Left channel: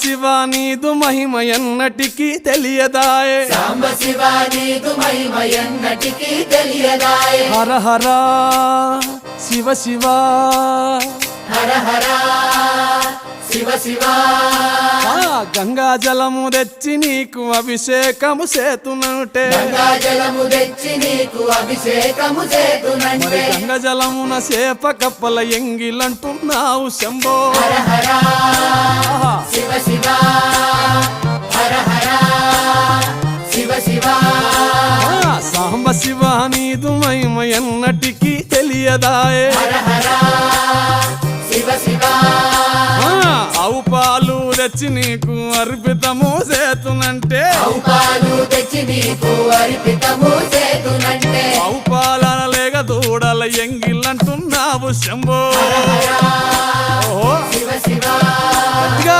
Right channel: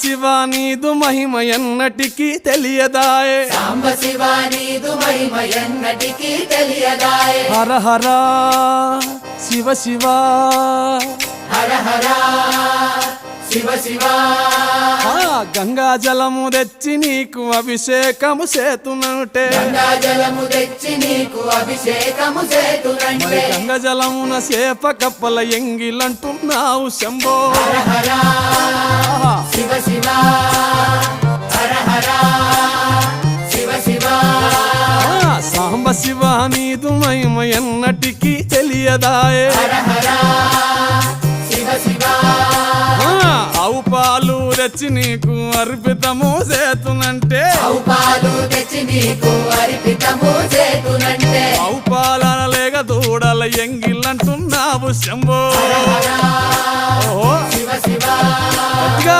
శివ నీదు మహిమ ఎన్నటికీ తెలియదాయే, హర హర శివ శివ, గంగా జలము తెచ్చి నీకు అభిషేకము సేతునంటే, మరి గంగా జలమున సేప కప్పల ఎంగిలంటున్నావు శంభో. సాంబ శివ నీదు మహిమ ఎన్నటికీ తెలియదాయే, ఆవు పాలు తెచ్చి నీకు అర్పితము చేతునంటే, ఆవు పాలన లేక దూడల ఎంగిలంటున్నావు శంభో. ఓహో గట్టిగా